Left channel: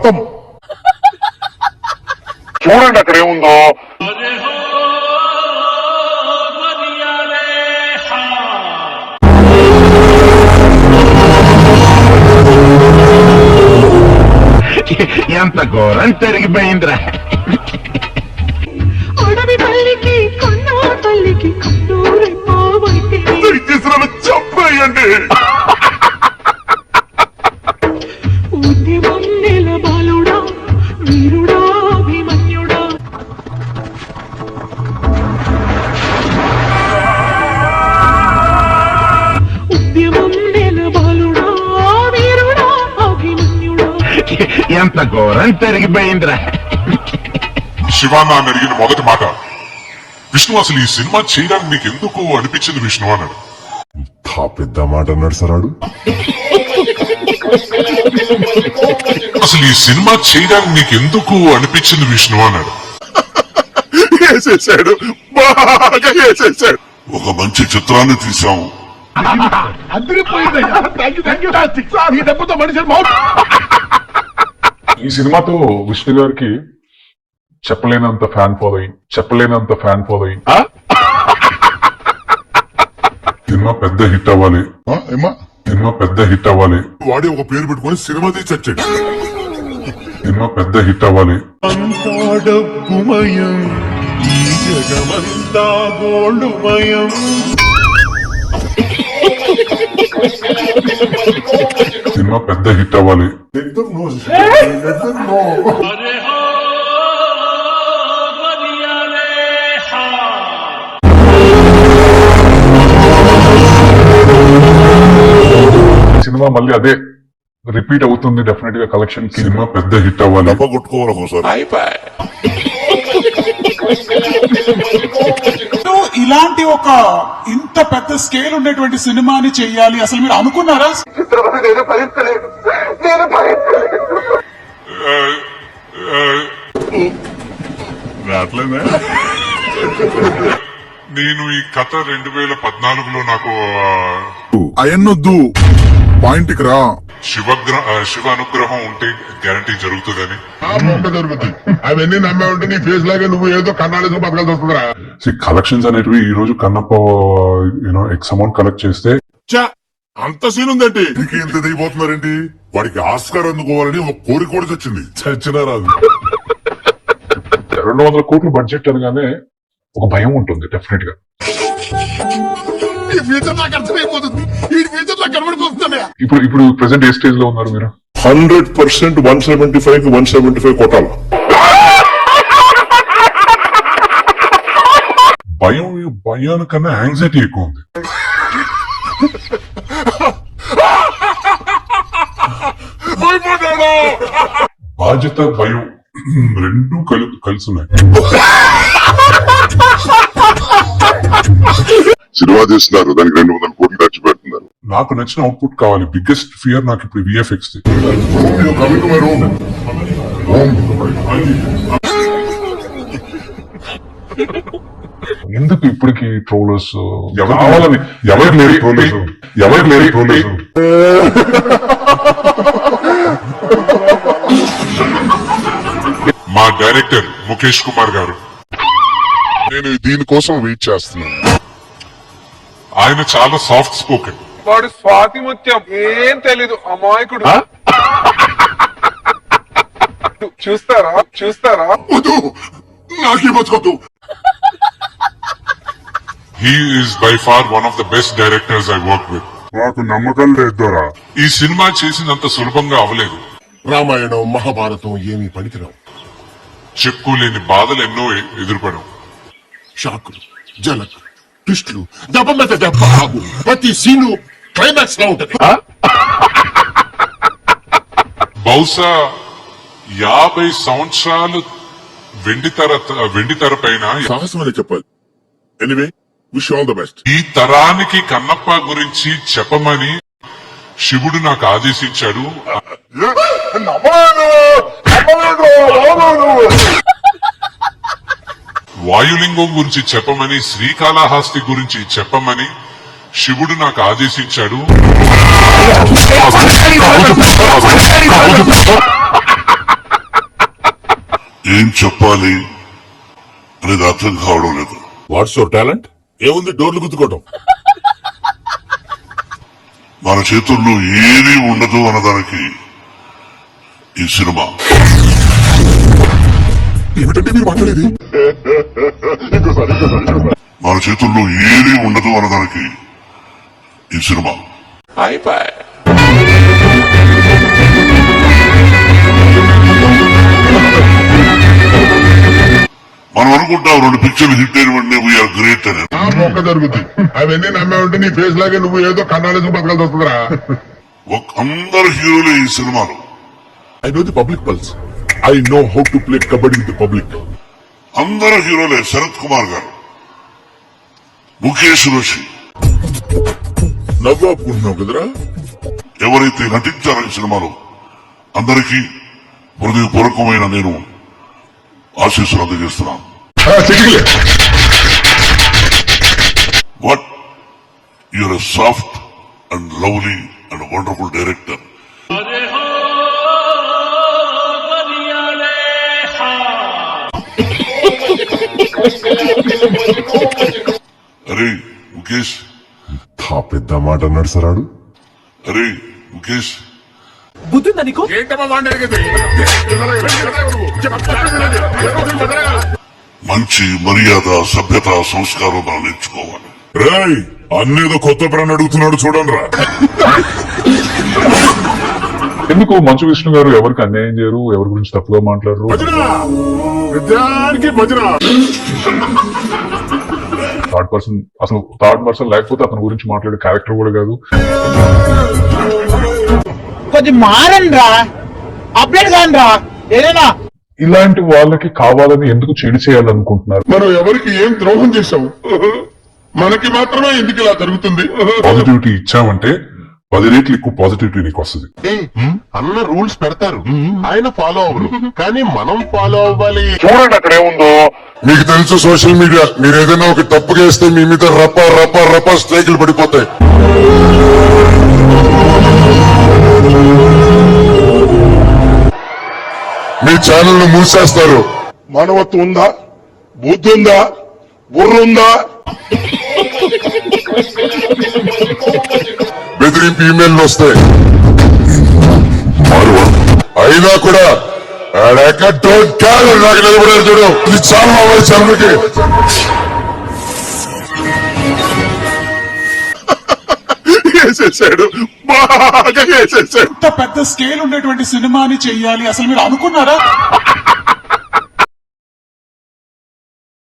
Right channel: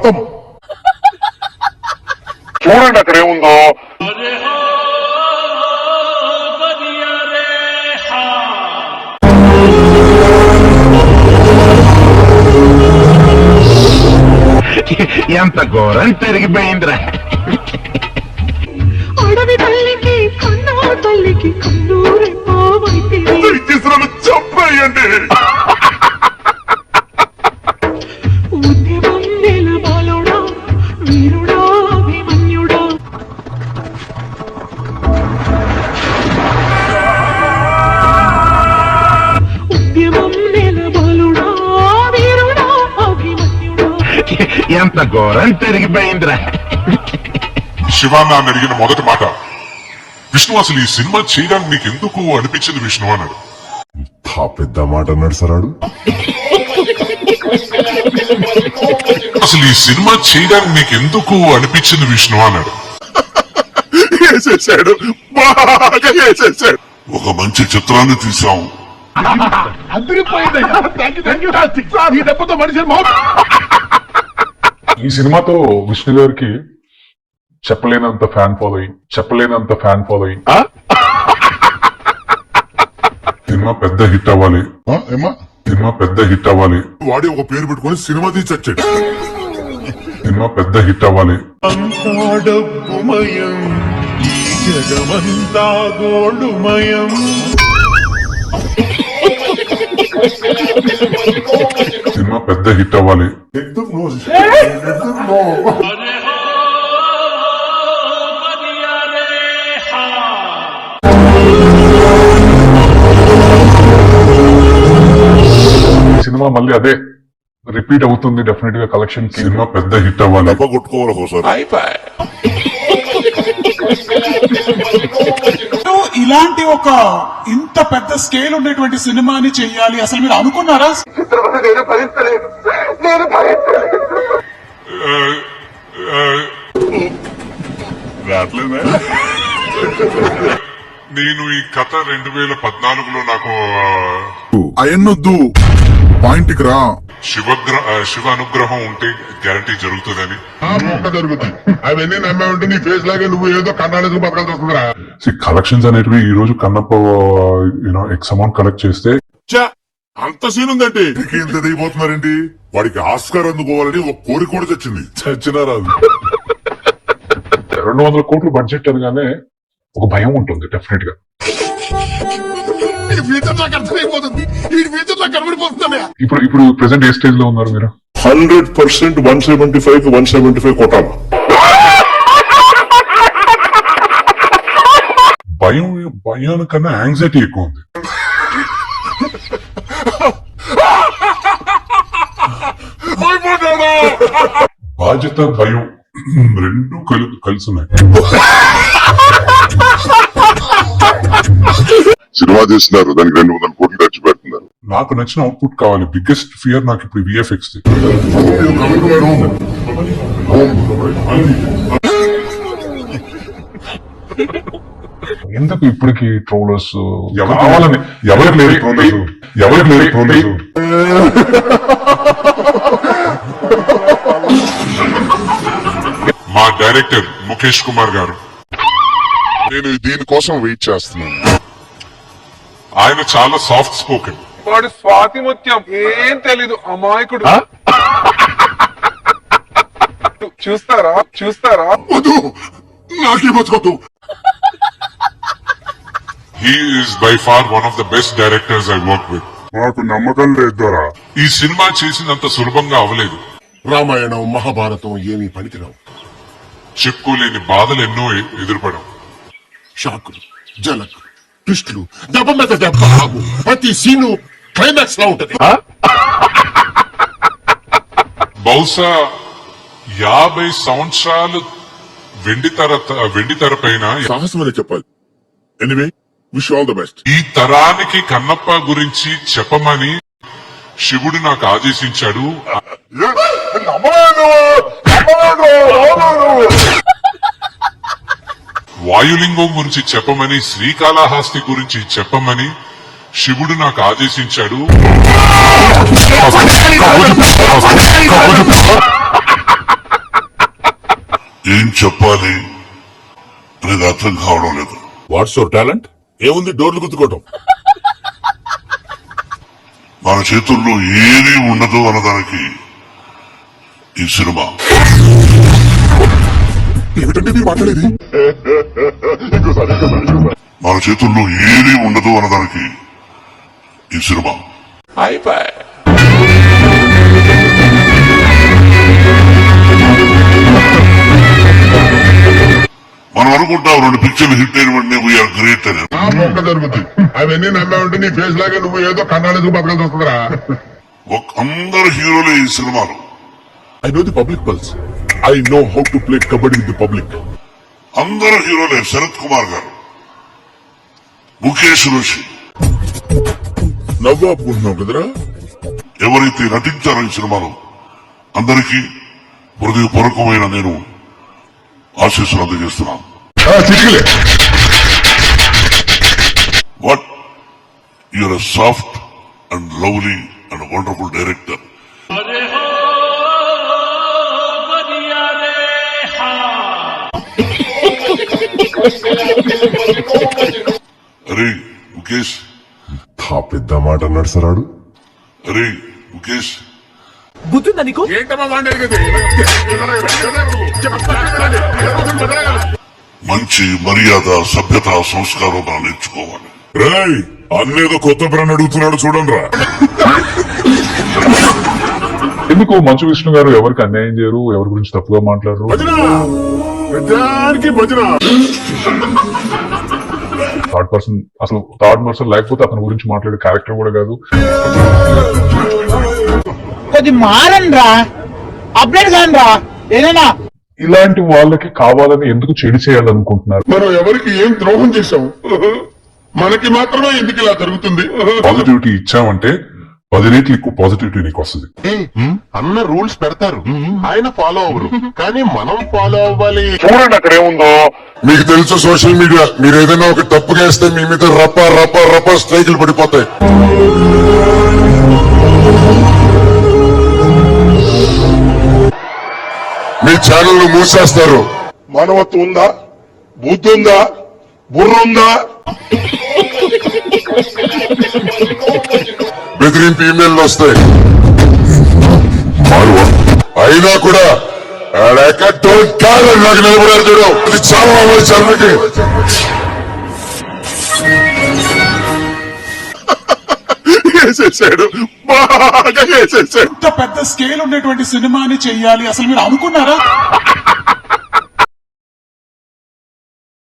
ఖతం. చూడండి అక్కడ ఏముందో. ఎంత ఘోరం పెరిగిపోయిందిరా. అడవి తల్లికి కన్నా తల్లికి కన్నూరి చెప్పేయండి. ఉద్యమం నిలబాలుడా వీరుడా అభిమన్యుడా. ఉద్యమం నిలబాలుడా వీరుడా అభిమన్యుడా. ఎంత ఘోరం పెరిగిపోయిందిరా. శివాన్న అని అడిగిన మొదటి మాట, విష్ణు అసలు ఈ సినిమా చేయడానికి నీకు ఎందుకు అనిపించింది విష్ణు అన్నాడు. పెద్ద మాట అన్నాడు సరాడు. అసలు ఈ సినిమా చేయడానికి నీకు ఎందుకు అనిపించింది విష్ణు అన్నాడు. వేసేసాడు, బాగా వేసేసాడు. ఒక మంచి చిత్రాన్ని తీసాము. ఈ సినిమాతో విష్ణు గారికి చెప్పలేనంత ఫ్యాన్ ఫాలోయింగ్. సినిమా పెద్ద హిట్ అవ్వాలి. వాడి ఒక పేరు పెట్టుకుని సినిమా తీసి వచ్చాడు. సినిమా పెద్ద హిట్ అవ్వాలి. డబ్బుమయం జగమంతా గోల్డుమయం. సినిమా పెద్ద హిట్ అవ్వాలి. సినిమా మళ్ళీ అదే రిపీట్ అవుతుంది డెఫినెట్ గా కలెక్షన్. సినిమా పెద్ద హిట్ అవ్వాలి. కొట్టుకోవాలి ఒకసారి. ఇలాంటి ఒక ఇంత పెద్ద స్కేల్ ఉన్నటువంటి సినిమాని చెయ్యాలి అసలు మీరు అనుకున్నారా? నేను ఈ కథ 2014లో నాకు అయన్నొద్దు, పాయింట్ కి రా. శివ అనుగ్రహం ఉంటే గ్యారంటీ జరుగుతుందని. జరుగుతుంది. అవన్నీ నమ్మే ఉంటే నీ ఫేస్ లాగే నువ్వు ఏదో కర్ణాటక బతకాల్సి వస్తుందిరా. కలెక్షన్స్ అనేటివి ఈ రోజు కన్నప్ప ఎక్స్ అమౌంట్ కలెక్ట్ చేస్తే అంత సీన్ ఉందండి. దిగిపోతున్నారండి. వాడికి ఆస్కార్ అందుకోవాలని ఒక కోరిక కూడా తెచ్చింది. చచ్చినా రాదు. 200 కోట్లు బడ్జెట్ అనగానే ఒక భయం ఉంటుంది డెఫినెట్ గా. ఇప్పుడు ప్రెసెంట్ ఏ స్టేజ్ లో ఉన్నారు మీరు? 100% 175 కొట్టాలి. భయానికన్నా యాంగ్జైటీ ఎక్కువ ఉంది. బాధ్యత భయం రెండు కలిసి ఉన్నాయి. సినిమా తీస్తున్నారు, దానికి 200 కోట్లు ఖర్చు పెడుతున్నారు. నాకు నచ్చిన అవుట్పుట్ కావాలి. బిగ్గెస్ట్ ఫియర్ నాకు ఇప్పుడు విఎఫ్ఎక్స్. ఎందుకు ఇప్పటికి ట్రోలర్స్ కావాలని ఎవరు లేరు. మా డైరెక్టర్ ముఖేష్ కుమార్ గారు, నేను దీనికోసం వెయిట్ చేస్తున్నాను. ఆయన చాలా సాఫ్ట్ స్పోకెన్. వాడు స్వాతి ముత్యం, ఏం తెలీదు అమాయకుడు. చూస్తారా వద్దు, నాకేమొద్దు. He is by far one of the best directors I worked with. నాకు నమ్మకం లేదురా. ఈ సినిమా చేసినంత సులభంగా అవలేదు. రామాయణం మహాభారతం ఏమీ పనికిరావు. చెప్పుకోలేని బాధలు ఎన్నో ఎదురుపడం. షాకులు, జనకులు, ట్విస్టులు, దెబ్బ మీద దెబ్బ ఆగు. ప్రతి సీను క్లైమాక్స్ లా ఉంటది. బహుశా 50 సంవత్సరాలు వెండితెర పైన సాహసం అనే చెప్పాలి. Anyway, wish all the best. ఈ తరానికి కన్నప్ప గురించి చెప్పమని శివుడు నాకు ఆదేశించాడు. వాయులింగం గురించి చెప్పమని, శ్రీకాళహస్తి గురించి చెప్పమని శివుడు నాకు ఆదేశించాడు. ఏం చెప్పాలి అనేది అర్థం కావడం లేదు. What's your talent? ఏముంది డోర్లు గుద్దుకోవటం. మన చేతుల్లో ఏది ఉండదు అన్నదానికి ఈ సినిమా. ఏమిటంటే మీరు మాట్లాడేది? మన చేతుల్లో ఏది ఉండదు అన్నదానికి ఈ సినిమా. అయిపోయి మనం అనుకుంటాం 2 పిక్చర్లు హిట్ అయిన వెంటనే వీఆర్ గ్రేట్ అని. మొక్క జరుగుతుంది. అవన్నీ నమ్మే ఉంటే నీ ఫేస్ లాగే నువ్వు ఏదో కన్నాలేసి బతకాల్సి వస్తుందిరా. అందరు హీరోలే ఈ సినిమాలో. I know the public pulse. I know how to play kabaddi with the public. అందరు హీరోలే. శరత్ కుమార్ గారు, ముఖేష్ ఋషి, నవ్వాపుకుంటున్నావు కదరా. ఎవరైతే నటించారో ఈ సినిమాలో అందరికీ హృదయపూర్వకమైన నేను ఆశీస్సులు అందజేస్తున్నాను. But you're a soft and lovely and wonderful director. అరే ముఖేష్, పెద్ద మాట అన్నాడు సరాడు. అరే ముఖేష్, బుద్ధుందా నీకు? మంచి మర్యాద, సభ్యత, సంస్కారం మనం నేర్చుకోవాలి. రాయ్ అన్నేదో కొత్త ప్రాణి అడుగుతున్నాడు చూడండి రా. ఎందుకు మంచు విష్ణు గారు ఎవరికి అన్యాయం చేయరు, ఎవరి గురించి తప్పుగా మాట్లాడరు. థర్డ్ పర్సన్ లేకపోతే అతని గురించి మాట్లాడే క్యారెక్టర్ కూడా కాదు. కొద్ది మారండి రా, అప్డేట్ కాని రా ఏదైనా. ఇలాంటి వాళ్ళకి కావాలని ఎందుకు చెడు చేయాలనుకుంటున్నారు? మనం ఎవరికి ఏం ద్రోహం చేశాము? మనకి మాత్రమే ఎందుకు ఇలా జరుగుతుంది? పాజిటివిటీ ఇచ్చామంటే 10 రెట్లు ఎక్కువ పాజిటివిటీ నీకు వస్తుంది. అన్న రూల్స్ పెడతారు, ఆయన ఫాలో అవ్వరు, కానీ మనం ఫాలో అవ్వాలి. చూడండి అక్కడ ఏముందో. మీకు తెలుసు సోషల్ మీడియా, మీరు ఏదైనా ఒక తప్పు చేస్తే మీ మీద రప్ప రప్ప రప్ప స్ట్రైకులు పడిపోతాయి. మీ ఛానల్ మూసేస్తారు. మానవత్వం ఉందా? బుద్ధి ఉందా? బుర్ర ఉందా? బెదిరింపు ఈమెయిల్లు వస్తాయి. అయినా కూడా నాకు నిలబడారు చూడు. ఇది చాలా చర్మకి వేసేసాడు, బాగా వేసేసాడు. ఇంత పెద్ద స్కేల్ ఉండేటువంటి సినిమాని చెయ్యాలి అసలు మీరు అనుకున్నారా?